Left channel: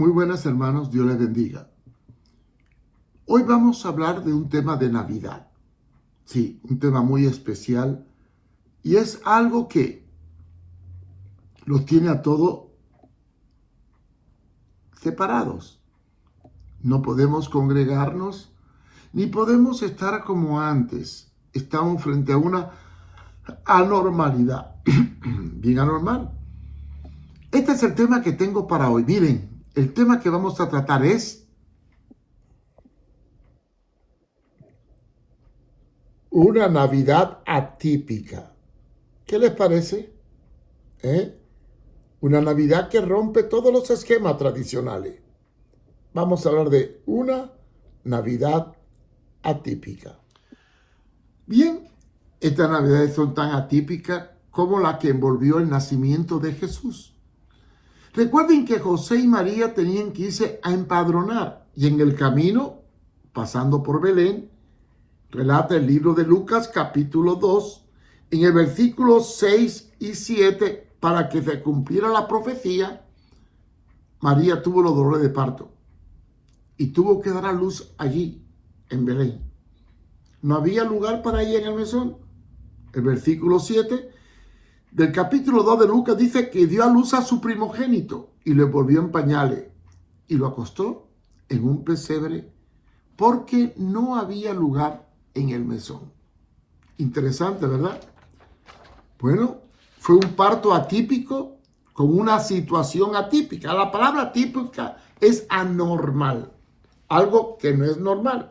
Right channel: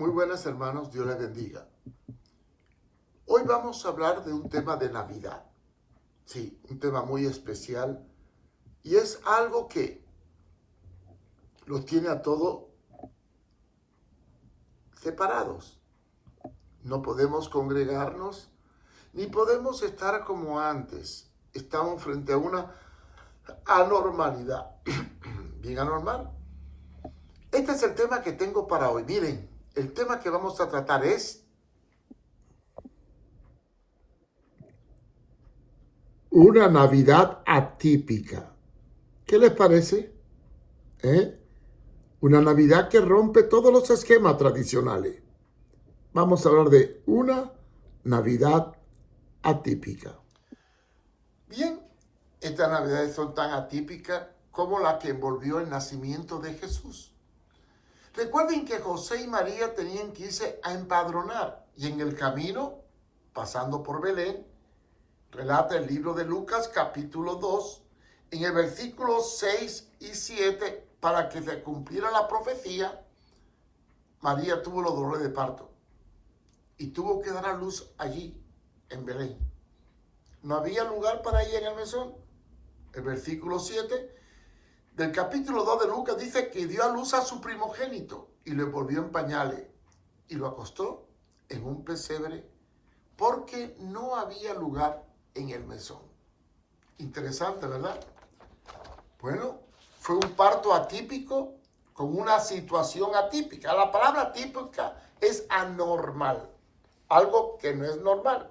Muy buenas hermanos, Dios les bendiga. Hoy vamos a hablar de un tema de Navidad. Sí, un tema muy especial y es algo que los tiene a todos separados. No podemos congregarnos ni podemos estar como antes. Estamos frente a una anormalidad, bien anormal. Este es el tema que tengo para hoy. Miren, el tema que vamos a tratar es una Navidad atípica. ¿Qué les parece? Una Navidad que rompe todos los esquemas tradicionales. Vamos a hablar de una Navidad atípica. Bien, estas Navidades son tan atípicas como la que envolvió el nacimiento de Jesús. Recuerden que José y María tenían que irse a empadronar y en el camino, pasando por Belén, relata el libro de Lucas capítulo 2, en el versículo 6 y 7, para que se cumpliera la profecía, María tuvo los dolores de parto y tuvo que dar a luz allí, en Belén. No había lugar para ella en el mesón. El versículo 7 del capítulo 2 de Lucas dice que dio a luz a su primogénito y lo envolvió en pañales y lo acostó en un pesebre porque no había lugar en el mesón. Interesante, ¿verdad? Bueno, fue un parto atípico con una situación atípica. La palabra atípica es anormal, algo que no es normal.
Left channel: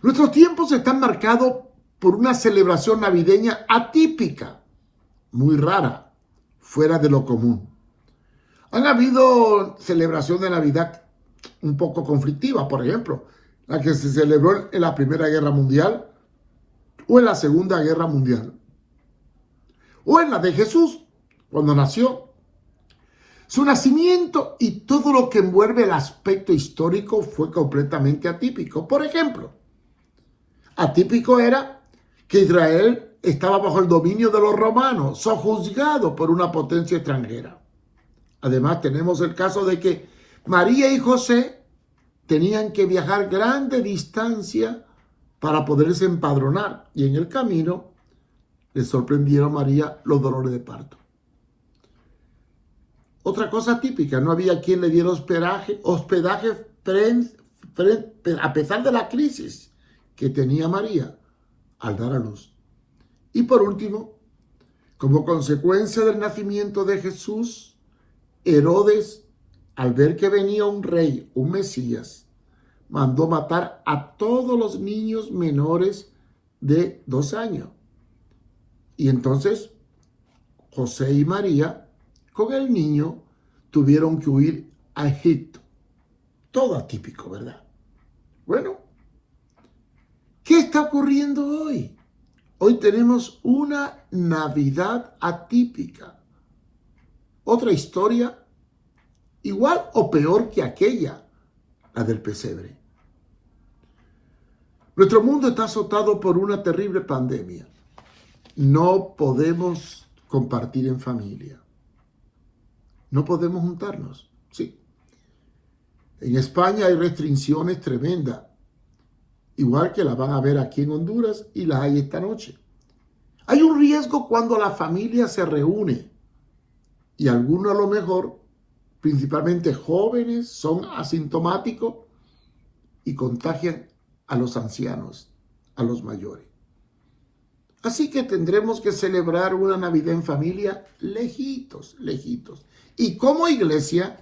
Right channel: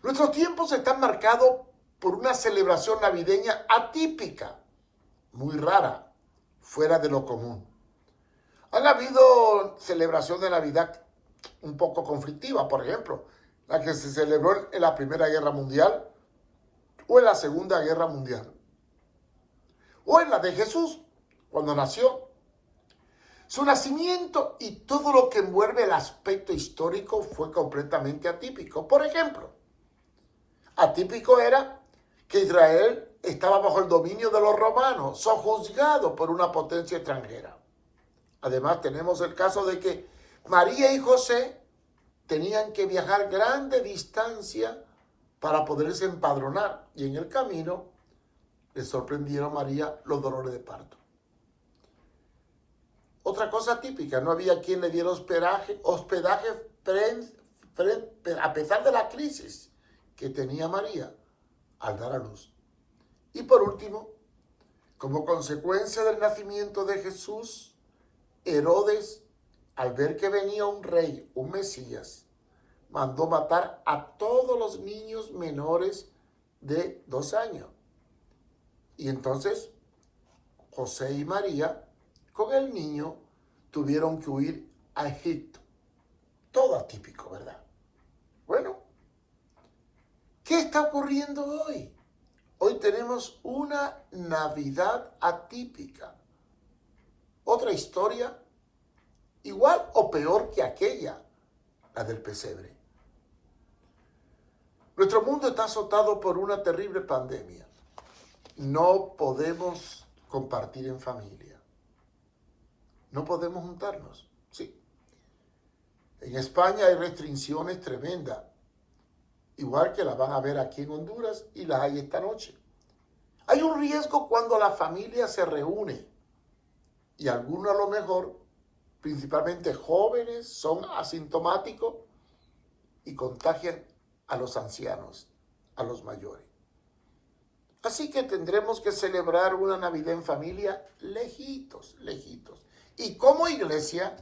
Nuestros tiempos están marcados por una celebración navideña atípica, muy rara, fuera de lo común. Han habido celebraciones de Navidad un poco conflictivas, por ejemplo, la que se celebró en la Primera Guerra Mundial o en la Segunda Guerra Mundial, o en la de Jesús, cuando nació. Su nacimiento y todo lo que envuelve el aspecto histórico fue completamente atípico. Por ejemplo, atípico era que Israel estaba bajo el dominio de los romanos, sojuzgado por una potencia extranjera. Además, tenemos el caso de que María y José tenían que viajar grande distancia para poderse empadronar. Y en el camino les sorprendieron a María los dolores de parto. Otra cosa típica, no había quien le diera hospedaje a pesar de la crisis que tenía María al dar a luz. Y por último, como consecuencia del nacimiento de Jesús, Herodes, al ver que venía un rey, un Mesías, mandó matar a todos los niños menores de 2 años. Y entonces José y María, con el niño, tuvieron que huir a Egipto. Todo atípico, ¿verdad? Bueno, ¿qué está ocurriendo hoy? Hoy tenemos una Navidad atípica. Otra historia igual o peor que aquella, la del pesebre. Nuestro mundo está azotado por una terrible pandemia. No podemos compartir en familia. No podemos juntarnos. Sí. En España hay restricciones tremendas, igual que las van a ver aquí en Honduras y las hay esta noche. Hay un riesgo cuando la familia se reúne y algunos a lo mejor, principalmente jóvenes, son asintomáticos y contagian a los ancianos, a los mayores. Así que tendremos que celebrar una Navidad en familia lejitos. Y como iglesia,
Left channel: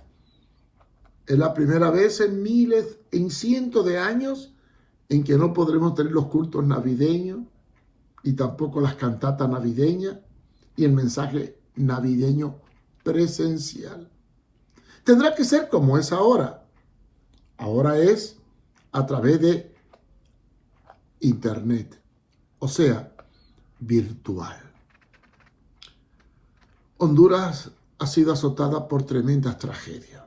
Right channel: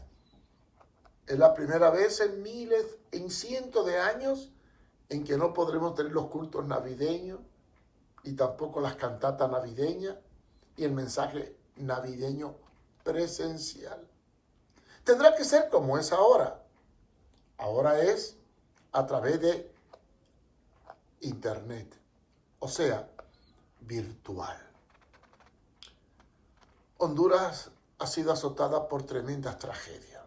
es la primera vez en cientos de años en que no podremos tener los cultos navideños y tampoco las cantatas navideñas y el mensaje navideño presencial. Tendrá que ser como es ahora. Ahora es a través de internet, o sea, virtual. Honduras ha sido azotada por tremendas tragedias.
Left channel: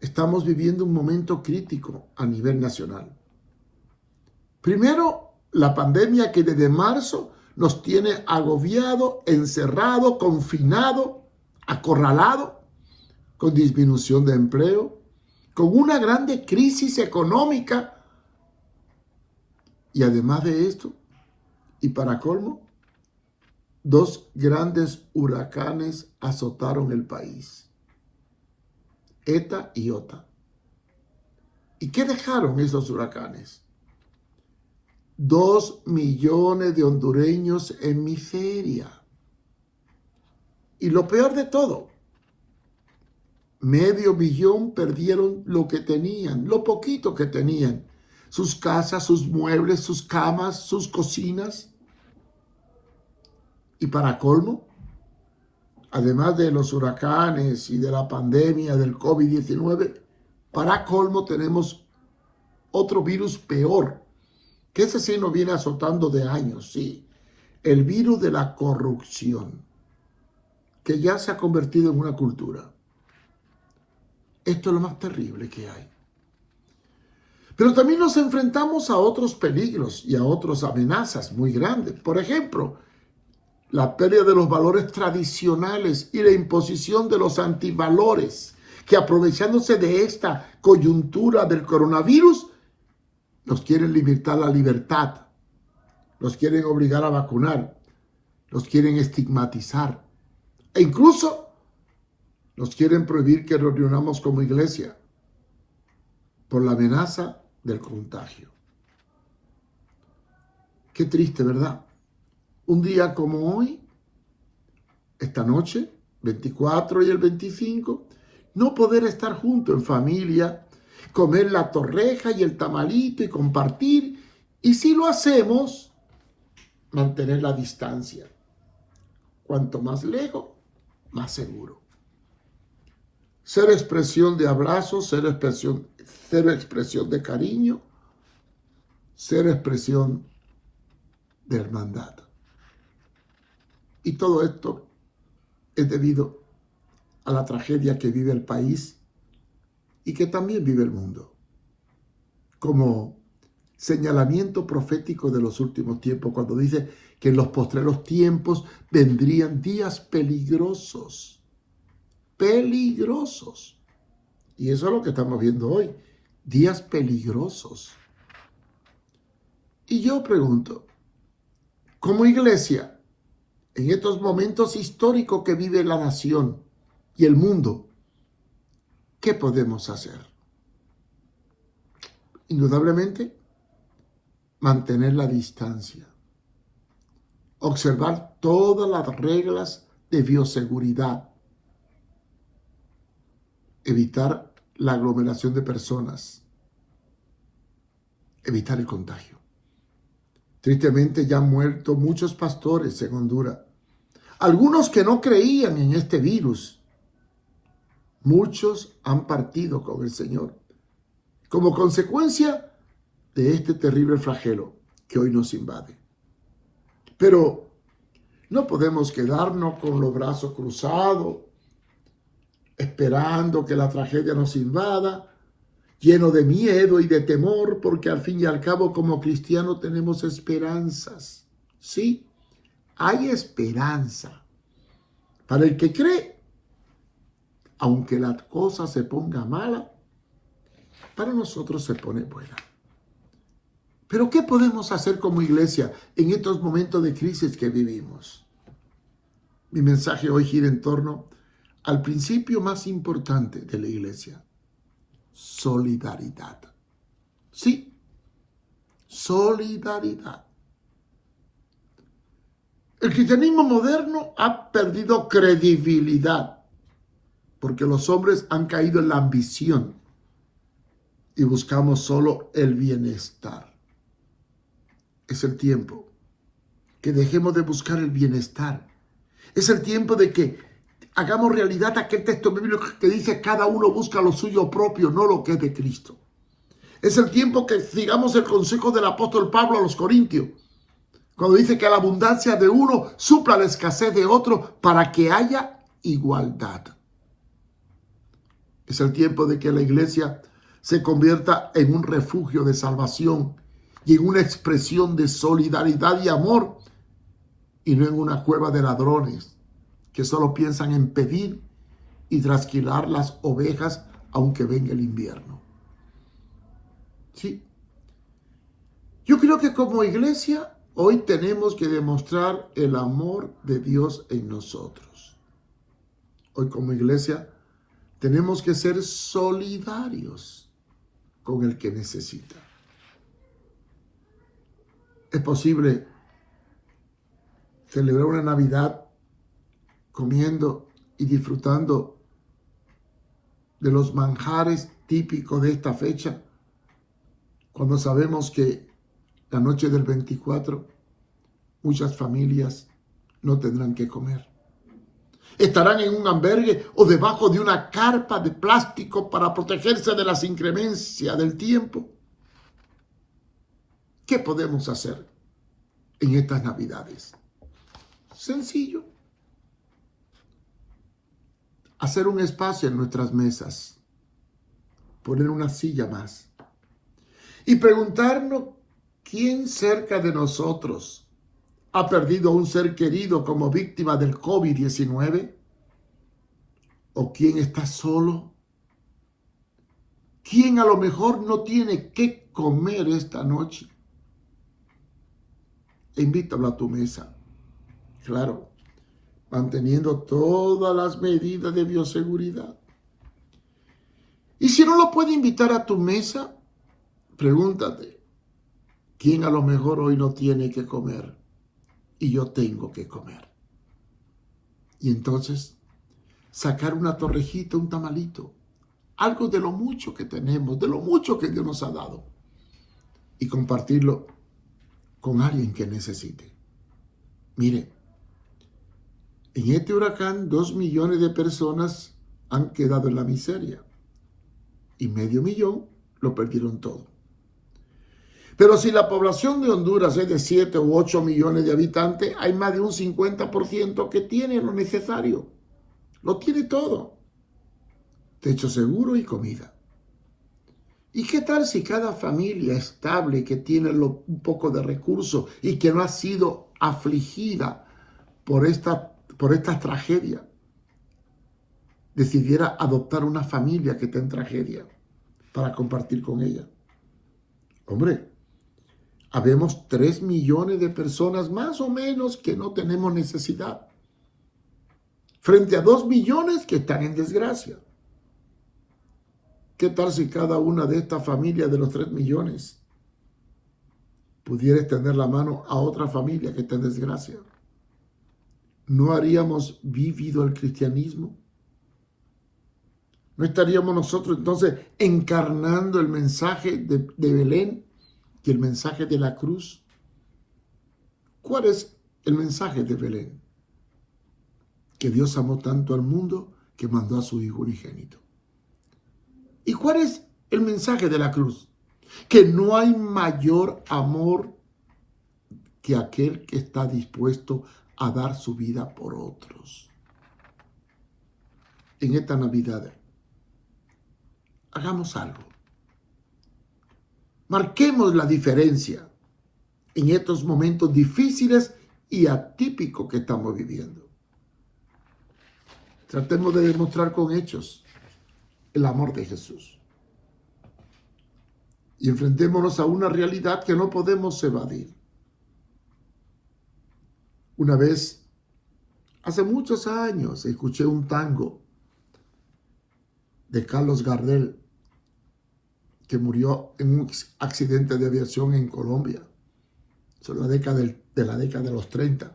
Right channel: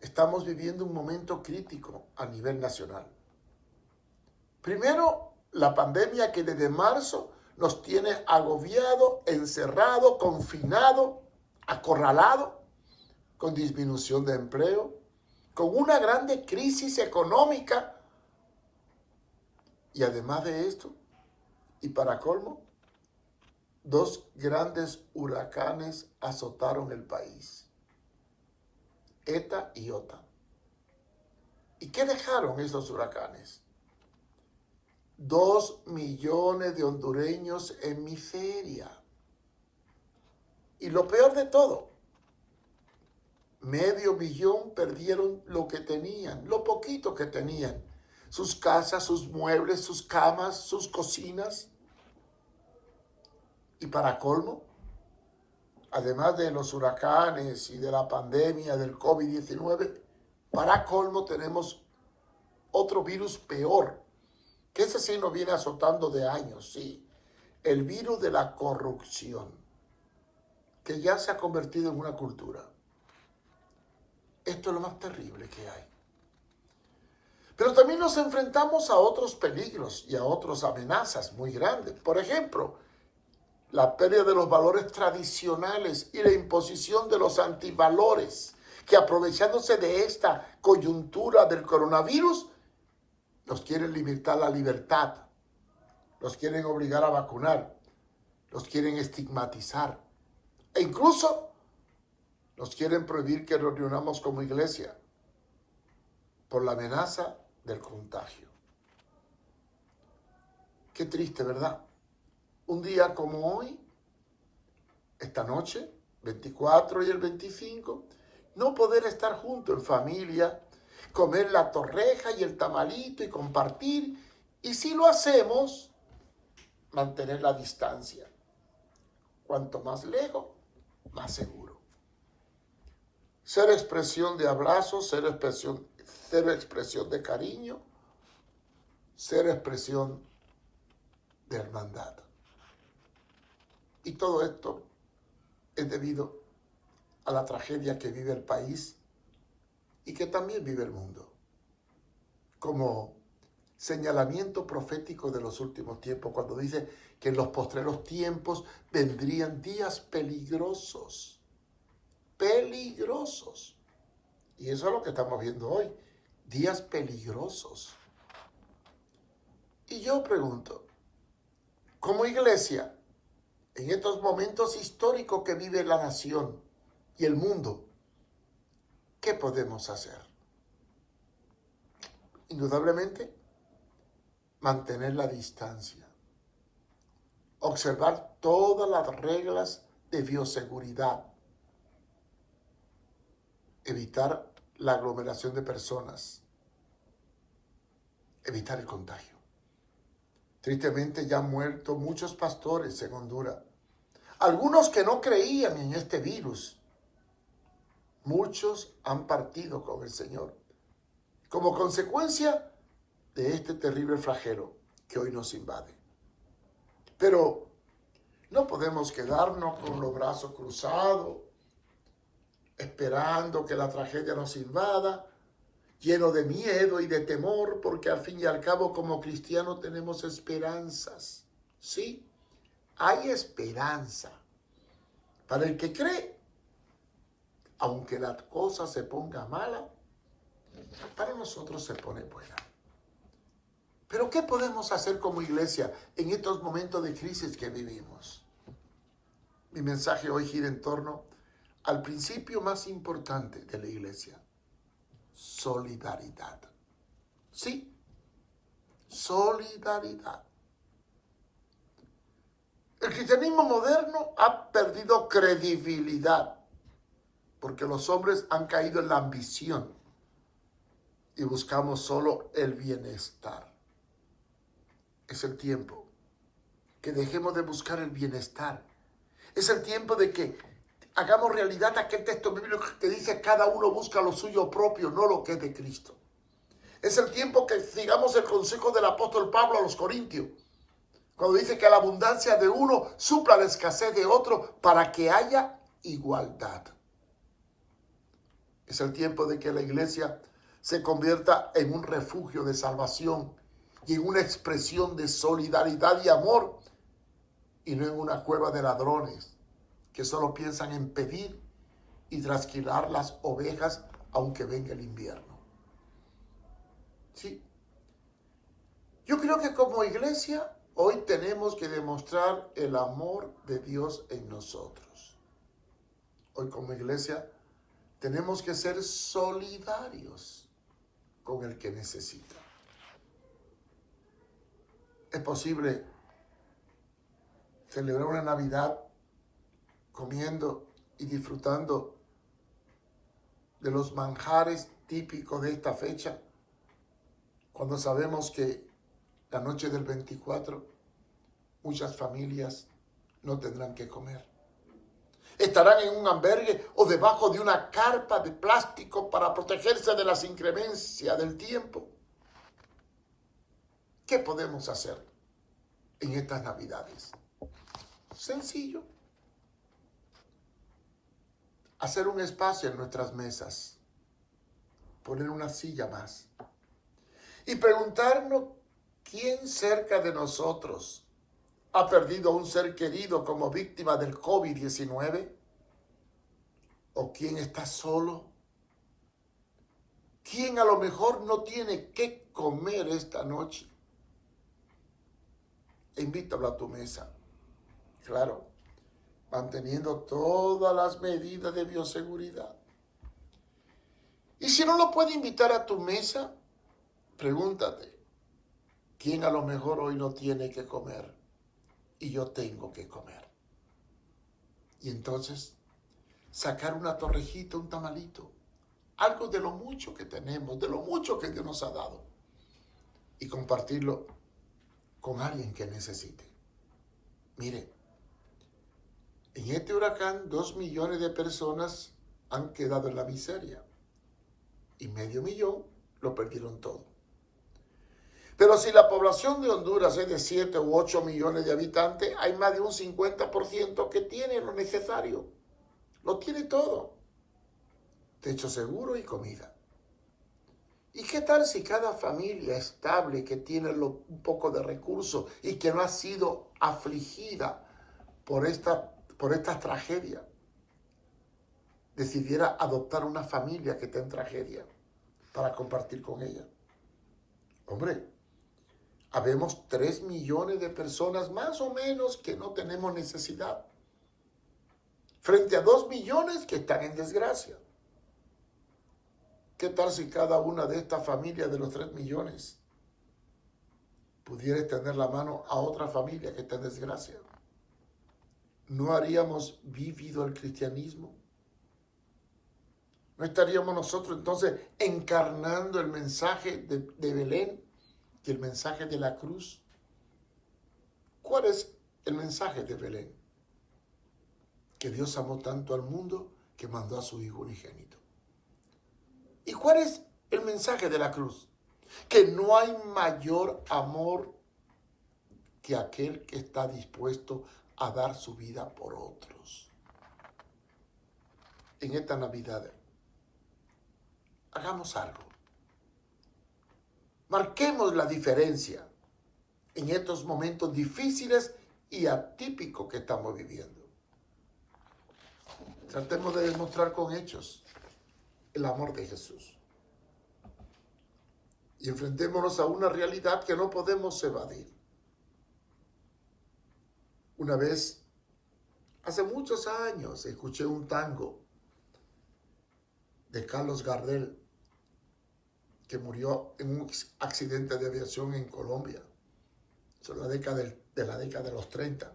Estamos viviendo un momento crítico a nivel nacional. Primero, la pandemia que desde marzo nos tiene agobiado, encerrado, confinado, acorralado. con disminución de empleo, con una grande crisis económica. Y además de esto, y para colmo, 2 grandes huracanes azotaron el país, Eta y Ota. ¿Y qué dejaron esos huracanes? 2 millones de hondureños en miseria. Y lo peor de todo, 500,000 perdieron lo que tenían, lo poquito que tenían. Sus casas, sus muebles, sus camas, sus cocinas. Y para colmo, además de los huracanes y de la pandemia del COVID-19, para colmo tenemos otro virus peor, que ese sí nos viene azotando de años, sí. El virus de la corrupción, que ya se ha convertido en una cultura. Esto es lo más terrible que hay. Pero también nos enfrentamos a otros peligros y a otras amenazas muy grandes. Por ejemplo, la pérdida de los valores tradicionales y la imposición de los antivalores, que aprovechándose de esta coyuntura del coronavirus, nos quieren limitar la libertad, los quieren obligar a vacunar, los quieren estigmatizar e incluso nos quieren prohibir que nos reunamos como iglesia por la amenaza del contagio. Qué triste, ¿verdad? Un día como hoy, esta noche, 24 y el 25, no poder estar juntos en familia, comer la torreja y el tamalito y compartir. Y si lo hacemos, mantener la distancia. Cuanto más lejos, más seguro. Cero expresión de abrazo, cero expresión de cariño, cero expresión de hermandad. Y todo esto es debido a la tragedia que vive el país y que también vive el mundo. Como señalamiento profético de los últimos tiempos, cuando dice que en los postreros tiempos vendrían días peligrosos. Peligrosos. Y eso es lo que estamos viendo hoy. Días peligrosos. Y yo pregunto, como iglesia, en estos momentos históricos que vive la nación y el mundo, ¿qué podemos hacer? Indudablemente, mantener la distancia, observar todas las reglas de bioseguridad, evitar la aglomeración de personas, evitar el contagio. Tristemente ya han muerto muchos pastores en Honduras, algunos que no creían en este virus. Muchos han partido con el Señor como consecuencia de este terrible flagelo que hoy nos invade. Pero no podemos quedarnos con los brazos cruzados, esperando que la tragedia nos invada, lleno de miedo y de temor, porque al fin y al cabo como cristianos tenemos esperanzas. Sí, hay esperanza. Para el que cree, aunque la cosa se ponga mala, para nosotros se pone buena. Pero ¿qué podemos hacer como iglesia en estos momentos de crisis que vivimos? Mi mensaje hoy gira en torno al principio más importante de la iglesia: solidaridad. Sí, solidaridad. El cristianismo moderno ha perdido credibilidad porque los hombres han caído en la ambición y buscamos solo el bienestar. Es el tiempo que dejemos de buscar el bienestar. Es el tiempo de que hagamos realidad aquel texto bíblico que dice: cada uno busca lo suyo propio, no lo que es de Cristo. Es el tiempo que sigamos el consejo del apóstol Pablo a los Corintios, cuando dice que la abundancia de uno supla la escasez de otro para que haya igualdad. Es el tiempo de que la iglesia se convierta en un refugio de salvación y en una expresión de solidaridad y amor, y no en una cueva de ladrones que solo piensan en pedir y trasquilar las ovejas aunque venga el invierno. Sí. Yo creo que como iglesia hoy tenemos que demostrar el amor de Dios en nosotros. Hoy como iglesia tenemos que ser solidarios con el que necesita. Es posible celebrar una Navidad comiendo y disfrutando de los manjares típicos de esta fecha, cuando sabemos que la noche del 24 muchas familias no tendrán que comer. Estarán en un albergue o debajo de una carpa de plástico para protegerse de las inclemencias del tiempo. ¿Qué podemos hacer en estas Navidades? Sencillo. Hacer un espacio en nuestras mesas. Poner una silla más. Y preguntarnos quién cerca de nosotros ha perdido a un ser querido como víctima del COVID-19. ¿O quién está solo? ¿Quién a lo mejor no tiene qué comer esta noche? Invítalo a tu mesa. Claro, manteniendo todas las medidas de bioseguridad. Y si no lo puede invitar a tu mesa, pregúntate, ¿quién a lo mejor hoy no tiene que comer y yo tengo que comer? Y entonces, sacar una torrejita, un tamalito, algo de lo mucho que tenemos, de lo mucho que Dios nos ha dado, y compartirlo con alguien que necesite. Mire, en este huracán 2 millones de personas han quedado en la miseria y 500,000 lo perdieron todo. Pero si la población de Honduras es de 7 u 8 millones de habitantes, hay más de un 50% que tiene lo necesario. Lo tiene todo. Techo seguro y comida. ¿Y qué tal si cada familia estable que tiene un poco de recursos y que no ha sido afligida por esta tragedia decidiera adoptar una familia que está en tragedia para compartir con ella? Hombre, habemos 3 millones de personas más o menos que no tenemos necesidad, frente a 2 millones que están en desgracia. ¿Qué tal si cada una de estas familias de los 3 millones pudiera extender la mano a otra familia que está en desgracia? ¿No haríamos vivido el cristianismo? ¿No estaríamos nosotros entonces encarnando el mensaje de Belén y el mensaje de la cruz? ¿Cuál es el mensaje de Belén? Que Dios amó tanto al mundo que mandó a su Hijo unigénito. ¿Y cuál es el mensaje de la cruz? Que no hay mayor amor que aquel que está dispuesto a dar su vida por otros. En esta Navidad, hagamos algo. Marquemos la diferencia en estos momentos difíciles y atípicos que estamos viviendo. Tratemos de demostrar con hechos el amor de Jesús. Y enfrentémonos a una realidad que no podemos evadir. Una vez, hace muchos años, escuché un tango de Carlos Gardel, que murió en un accidente de aviación en Colombia, sobre la década de los 30.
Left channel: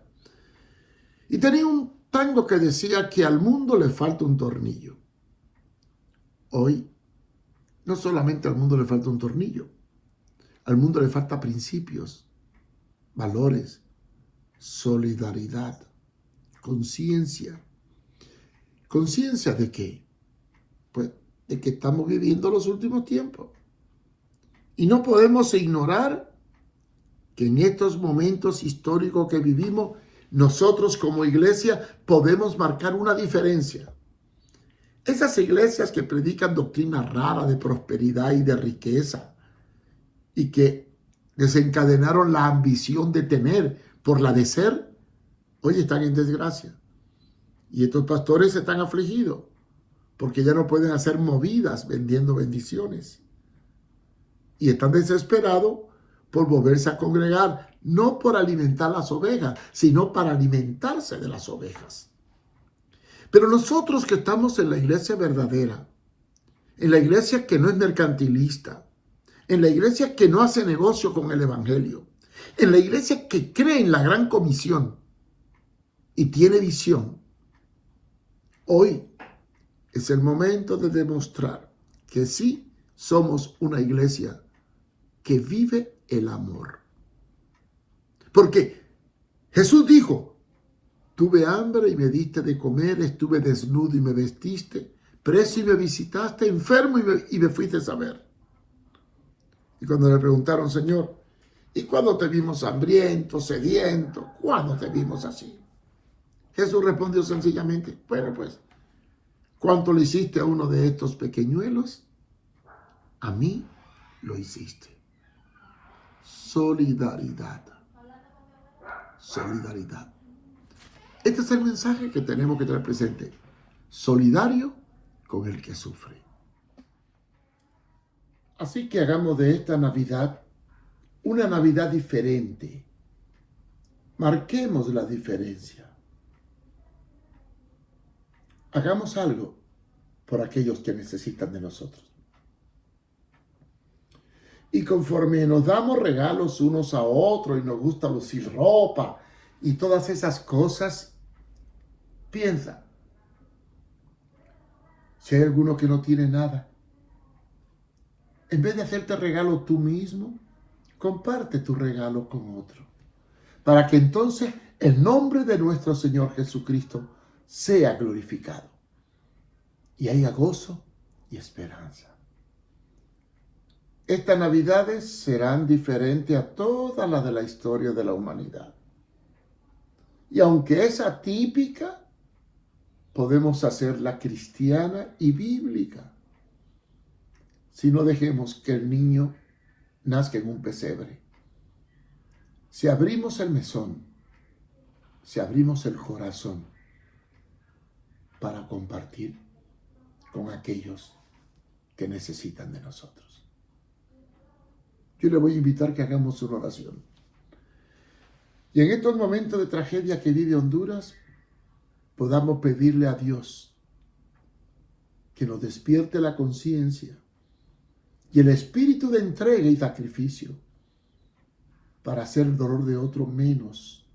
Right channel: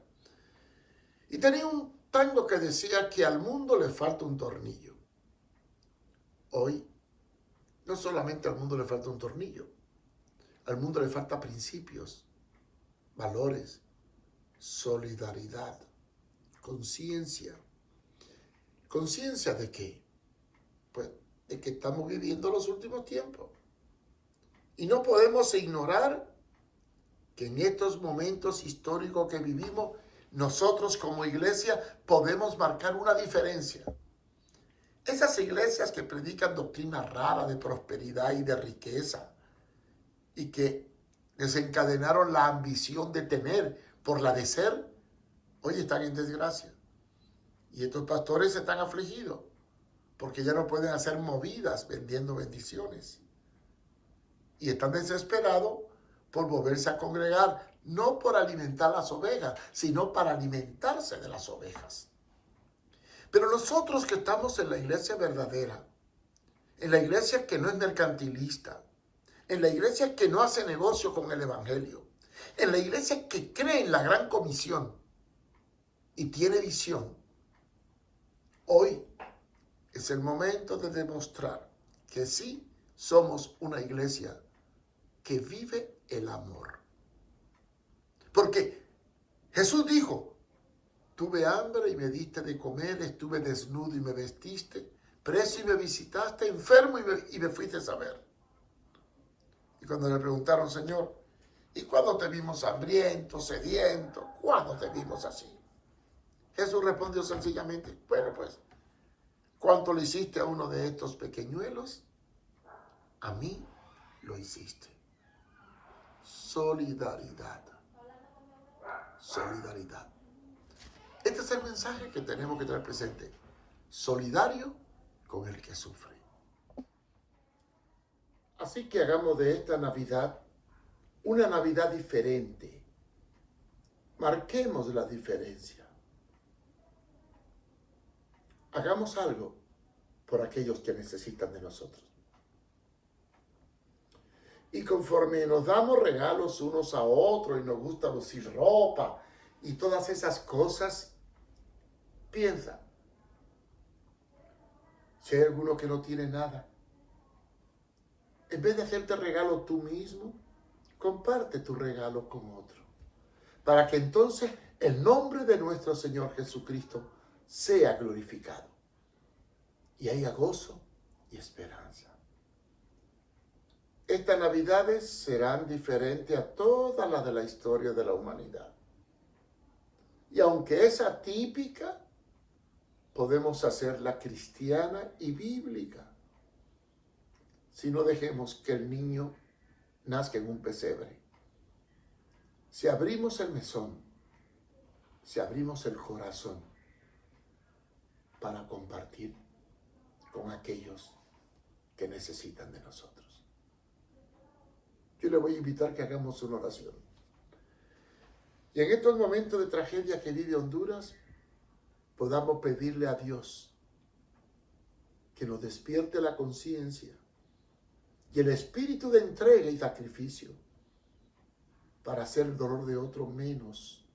Y tenía un tango que decía que al mundo le falta un tornillo. Hoy, no solamente al mundo le falta un tornillo, al mundo le falta principios, valores, solidaridad, conciencia. ¿Conciencia de qué? Pues de que estamos viviendo los últimos tiempos. Y no podemos ignorar que en estos momentos históricos que vivimos, nosotros como iglesia podemos marcar una diferencia. Esas iglesias que predican doctrina rara de prosperidad y de riqueza y que desencadenaron la ambición de tener por la de ser, hoy están en desgracia. Y estos pastores están afligidos porque ya no pueden hacer movidas vendiendo bendiciones. Y están desesperados por volverse a congregar, no por alimentar las ovejas, sino para alimentarse de las ovejas. Pero nosotros que estamos en la iglesia verdadera, en la iglesia que no es mercantilista, en la iglesia que no hace negocio con el evangelio, en la iglesia que cree en la gran comisión y tiene visión, hoy es el momento de demostrar que sí somos una iglesia que vive el amor. Porque Jesús dijo, tuve hambre y me diste de comer, estuve desnudo y me vestiste, preso y me visitaste, enfermo y me fuiste a ver. Y cuando le preguntaron, Señor, ¿y cuándo te vimos hambriento, sediento? ¿Cuándo te vimos así? Jesús respondió sencillamente, bueno pues, ¿cuánto le hiciste a uno de estos pequeñuelos? A mí lo hiciste. Solidaridad. Solidaridad. Este es el mensaje que tenemos que tener presente. Solidario con el que sufre. Así que hagamos de esta Navidad una Navidad diferente. Marquemos la diferencia. Hagamos algo por aquellos que necesitan de nosotros. Y conforme nos damos regalos unos a otros y nos gusta lucir ropa y todas esas cosas, piensa, si hay alguno que no tiene nada, en vez de hacerte regalo tú mismo, comparte tu regalo con otro, para que entonces el nombre de nuestro Señor Jesucristo sea glorificado y haya gozo y esperanza. Estas Navidades serán diferentes a todas las de la historia de la humanidad. Y aunque es atípica, podemos hacerla cristiana y bíblica. Si no dejemos que el niño nazca en un pesebre. Si abrimos el mesón, si abrimos el corazón para compartir con aquellos que necesitan de nosotros. Yo le voy a invitar que hagamos una oración. Y en estos momentos de tragedia que vive Honduras, podamos pedirle a Dios que nos despierte la conciencia y el espíritu de entrega y sacrificio para hacer el dolor de otro menos.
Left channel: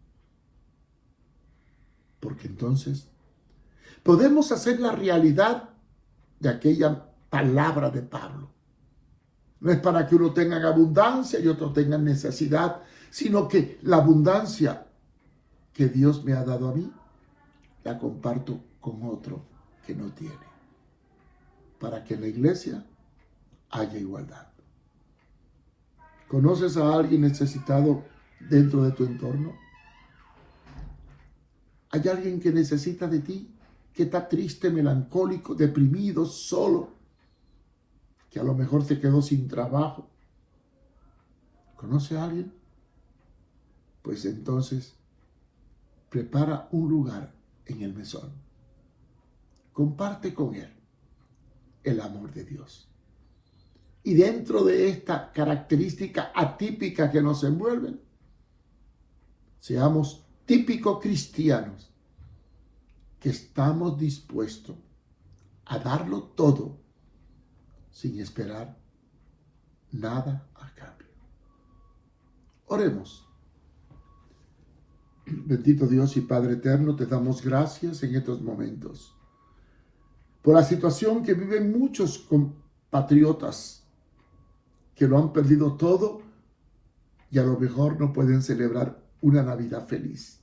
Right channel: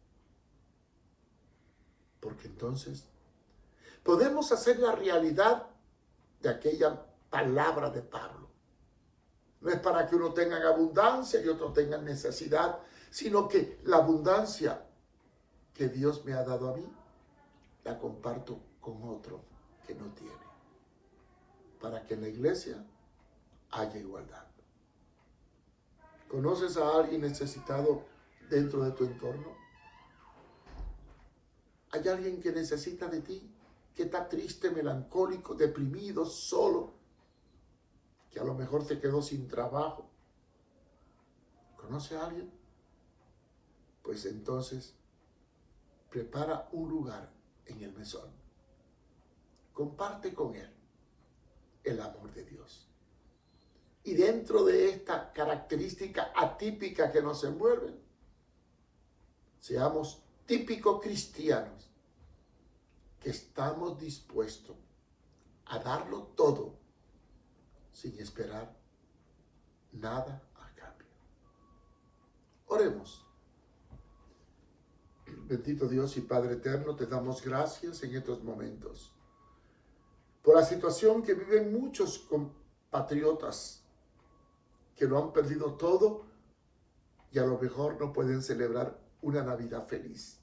Porque entonces podemos hacer la realidad de aquella palabra de Pablo. No es para que uno tenga abundancia y otro tenga necesidad, sino que la abundancia que Dios me ha dado a mí, la comparto con otro que no tiene. Para que en la iglesia haya igualdad. ¿Conoces a alguien necesitado dentro de tu entorno? ¿Hay alguien que necesita de ti? Que está triste, melancólico, deprimido, solo, que a lo mejor se quedó sin trabajo. ¿Conoce a alguien? Pues entonces, prepara un lugar en el mesón. Comparte con él el amor de Dios. Y dentro de esta característica atípica que nos envuelven, seamos típicos cristianos que estamos dispuestos a darlo todo sin esperar nada a cambio. Oremos. Bendito Dios y Padre eterno, te damos gracias en estos momentos por la situación que viven muchos compatriotas que lo han perdido todo y a lo mejor no pueden celebrar una Navidad feliz.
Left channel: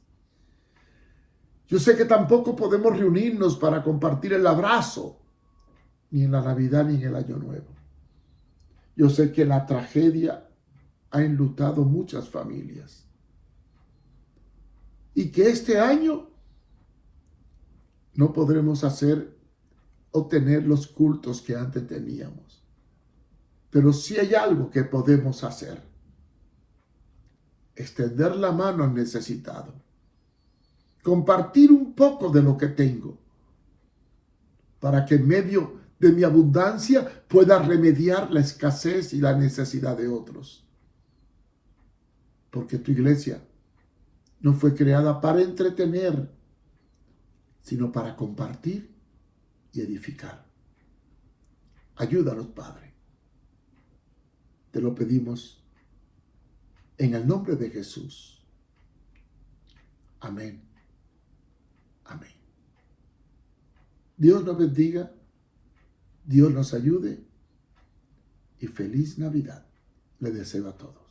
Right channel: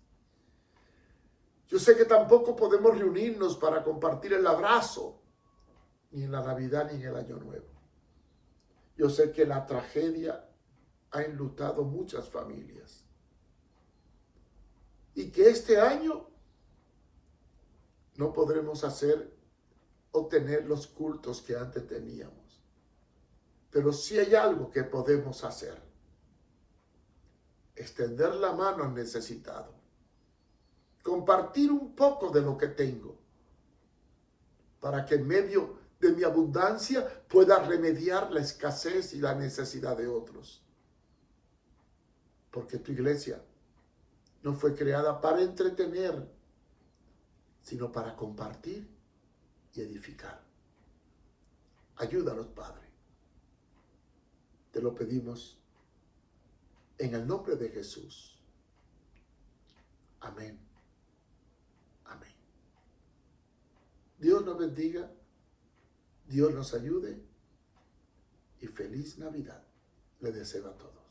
Yo sé que tampoco podemos reunirnos para compartir el abrazo, ni en la Navidad ni en el Año Nuevo. Yo sé que la tragedia ha enlutado muchas familias. Y que este año no podremos tener los cultos que antes teníamos. Pero sí hay algo que podemos hacer. Extender la mano al necesitado. Compartir un poco de lo que tengo. para que en medio de mi abundancia pueda remediar la escasez y la necesidad de otros. Porque tu iglesia no fue creada para entretener, sino para compartir y edificar. Ayúdanos, Padre. Te lo pedimos en el nombre de Jesús. Amén. Amén. Dios nos bendiga, Dios nos ayude y feliz Navidad le deseo a todos.